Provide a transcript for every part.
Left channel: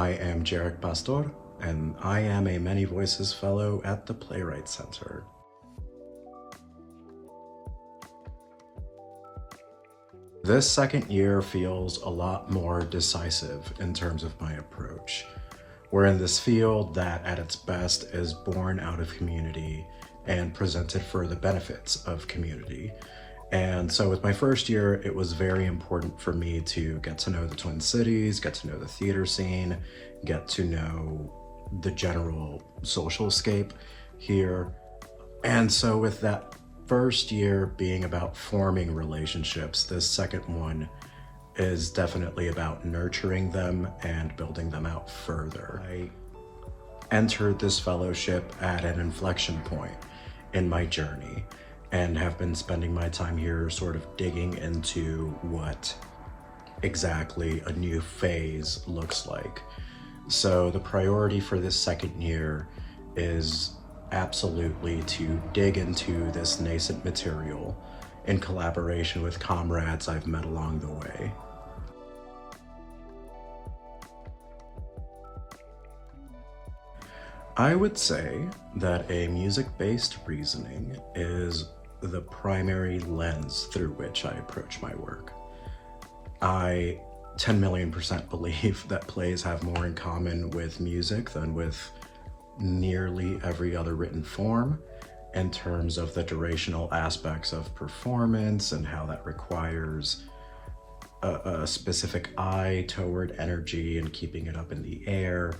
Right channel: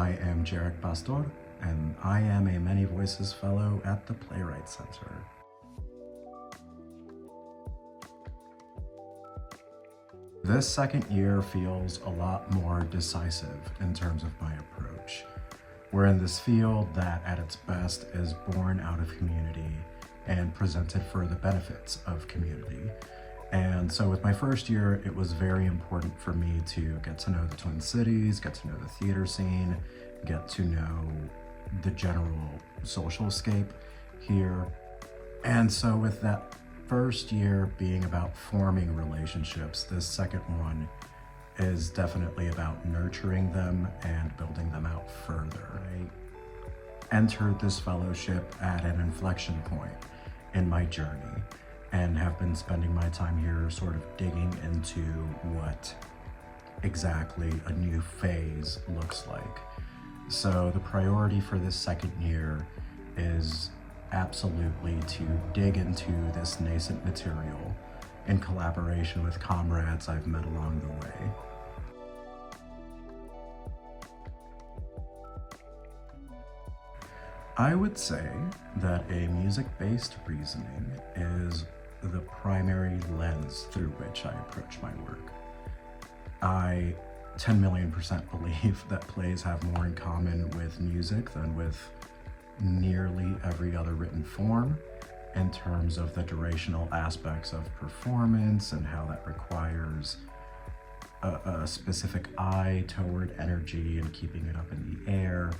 I am Jarek Pastor, and I am a Many Voices Fellow at the Playwright Center. This second year feels a lot more decisive in terms of my approach. We're in this field that at its best is born out of community and presented for the benefits of community. And so with my first year, it was very important for me to get to know the Twin Cities, get to know the theater scene, get to know the general social scape here. And so with that first year being about forming relationships, this second one is definitely about nurturing them and building them out further. I entered this fellowship at an inflection point in my journey and have been spending my time here sort of digging into what exactly a new phase looks like. So the priority for this second year is absolutely to dig into this nascent material in collaboration with comrades I've met along the way. I would say that a music-based reasoning is the primary lens through which I approach my work. I 10,000,000% believe that plays have more in common with music than with nearly every other written form in terms of the durational aspects of performance and how that requires a specific eye toward energy and keeping it up in the air,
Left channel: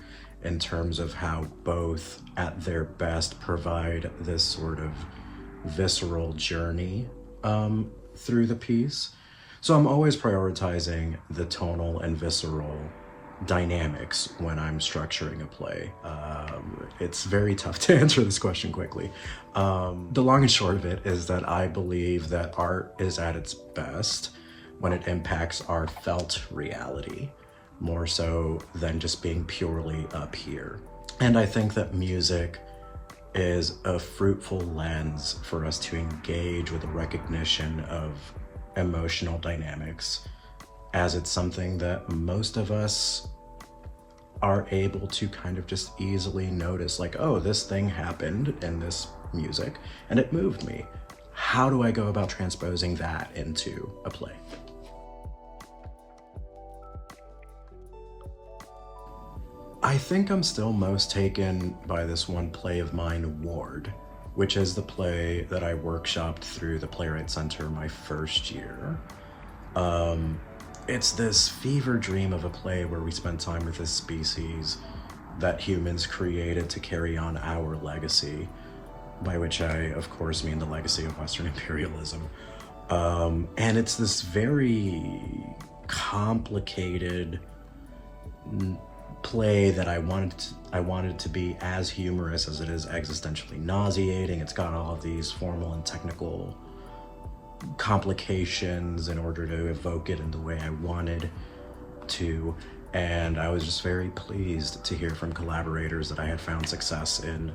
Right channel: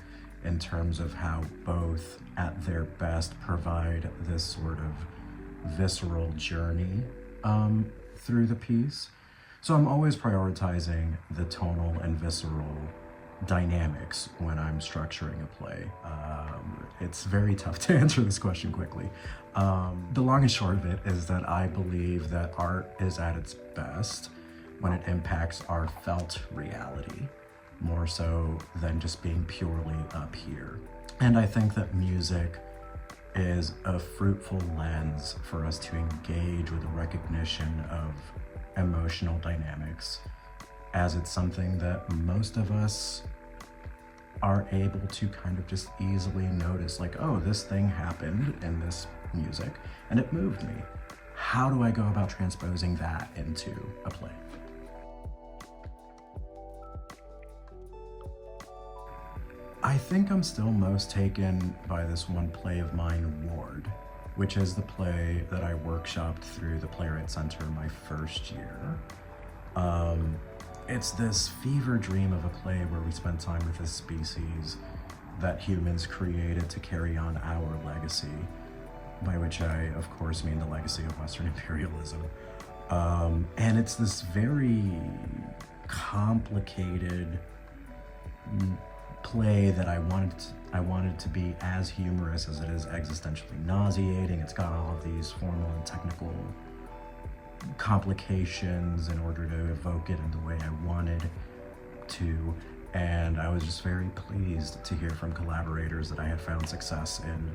in terms of how both at their best provide this sort of visceral journey through the piece. So I'm always prioritizing the tonal and visceral dynamics when I'm structuring a play. It's very tough to answer this question quickly. The long and short of it is that I believe that art is at its best when it impacts our felt reality, more so than just being purely up here. And I think that music is a fruitful lens for us to engage with a recognition of emotional dynamics, as it's something that most of us are able to kind of just easily notice, like, oh, this thing happened in this music and it moved me. How do I go about transposing that into a play? I think I'm still most taken by this one play of mine, Ward, which is the play that I workshopped through the Playwright Center my first year. It's this fever dream of a play where we spend time with this species that humans created to carry on our legacy, by which I, of course, mean the legacy of Western imperialism. And it's this very complicated play that I wanted to be as humorous as it is existentially nauseating. It's got all of these formal and technical complications in order to evoke it in the way I wanted to, and I was just very pleased to hear from collaborators that I had found success in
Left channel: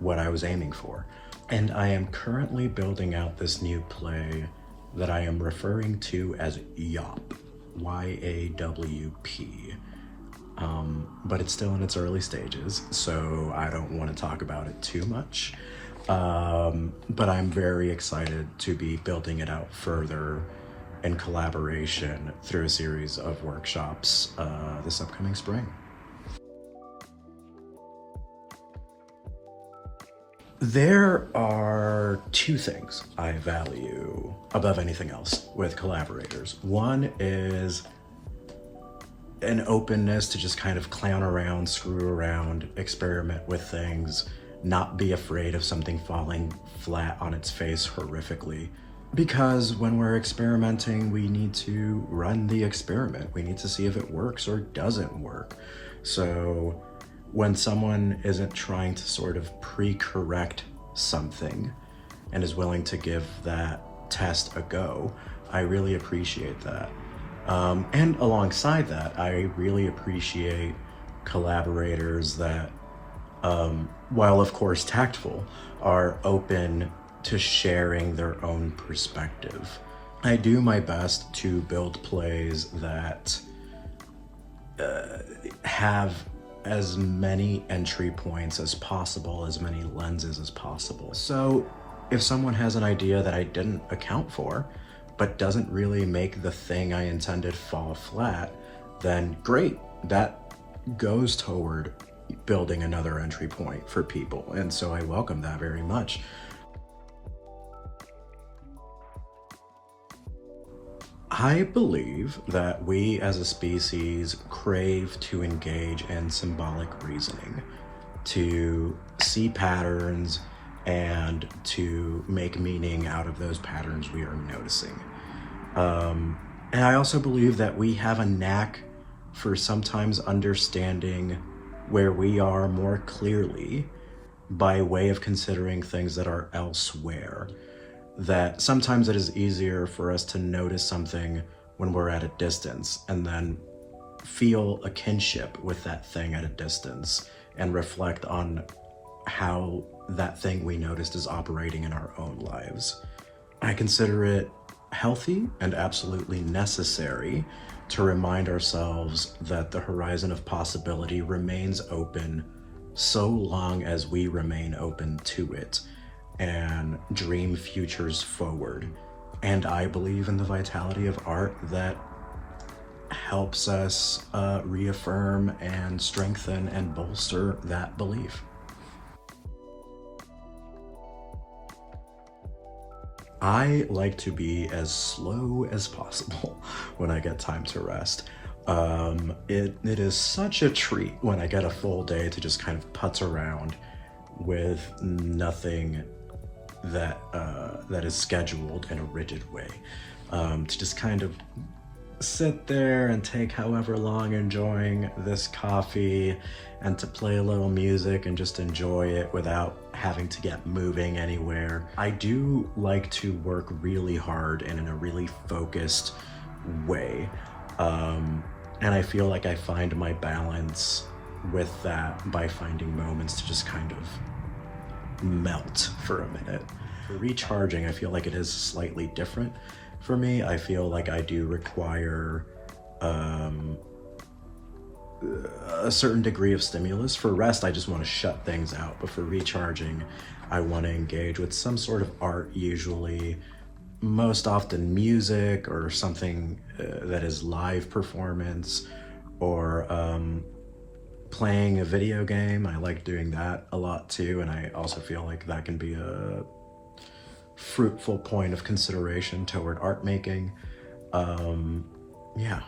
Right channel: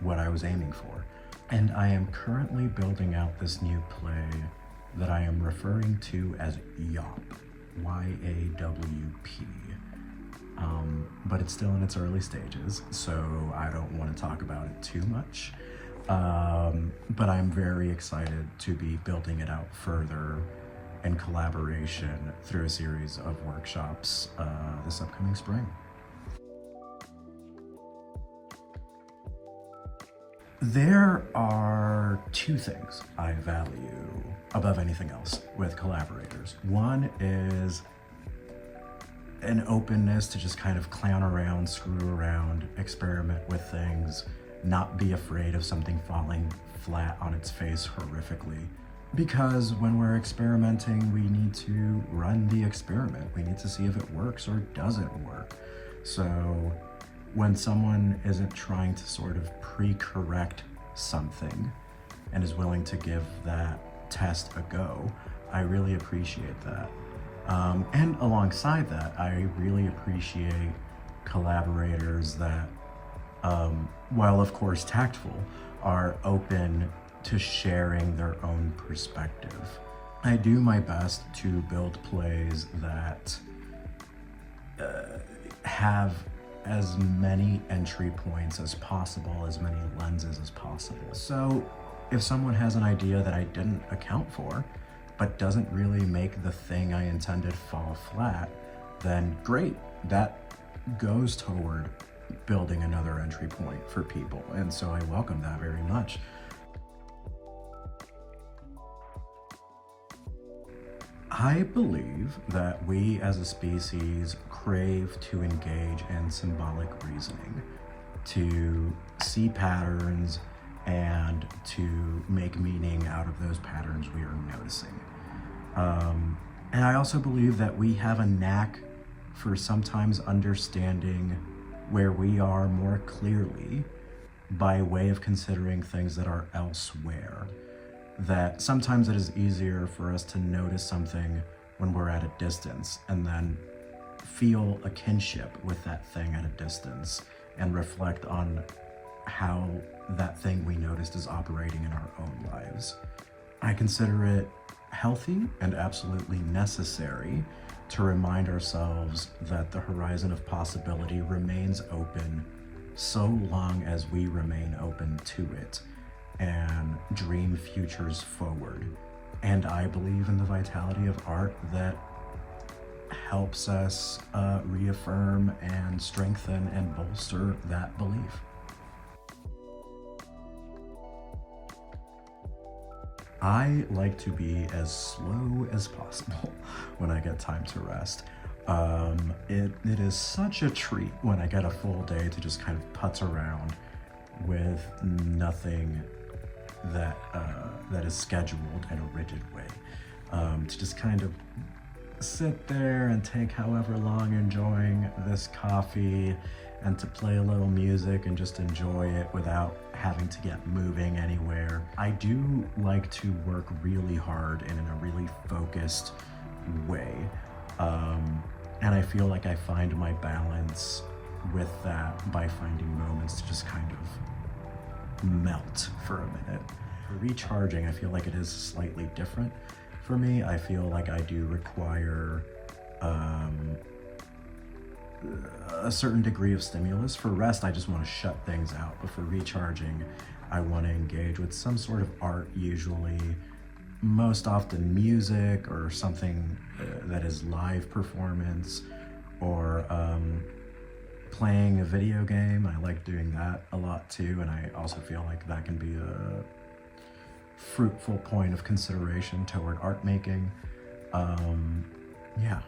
what I was aiming for. And I am currently building out this new play that I am referring to as YAWP, Y-A-W-P. But it's still in its early stages, so I don't want to talk about it too much. But I'm very excited to be building it out further in collaboration through a series of workshops this upcoming spring. There are two things I value above anything else with collaborators. One is an openness to just kind of clown around, screw around, experiment with things, not be afraid of something falling flat on its face horrifically. Because when we're experimenting, we need to run the experiment. We need to see if it works or doesn't work. So when someone isn't trying to sort of pre-correct something and is willing to give that test a go, I really appreciate that. And alongside that, I really appreciate collaborators that, while of course tactful, are open to sharing their own perspective. I do my best to build plays that have as many entry points as possible, as many lenses as possible. So if someone has an idea that I didn't account for, but doesn't really make the thing I intended fall flat, then great. That goes toward building another entry point for people. And so I welcome that very much. I believe that we as a species crave to engage in symbolic reasoning, to see patterns and to make meaning out of those patterns we are noticing. And I also believe that we have a knack for sometimes understanding where we are more clearly by way of considering things that are elsewhere. That sometimes it is easier for us to notice something when we're at a distance and then feel a kinship with that thing at a distance and reflect on how that thing we noticed is operating in our own lives. I consider it healthy and absolutely necessary to remind ourselves that the horizon of possibility remains open so long as we remain open to it and dream futures forward. And I believe in the vitality of art that helps us reaffirm and strengthen and bolster that belief. I like to be as slow as possible when I get time to rest. It is such a treat when I get a full day to just kind of putz around with nothing that is scheduled in a rigid way. To just kind of sit there and take however long enjoying this coffee and to play a little music and just enjoy it without having to get moving anywhere. I do like to work really hard and in a really focused way. And I feel like I find my balance with that by finding moments to just kind of melt for a minute. For recharging, I feel like it is slightly different for me. I feel like I do require a certain degree of stimulus. For rest, I just want to shut things out. But for recharging, I want to engage with some sort of art, usually most often music or something that is live performance, or playing a video game. I like doing that a lot too, and I also feel like that can be a fruitful point of consideration toward art making. Yeah.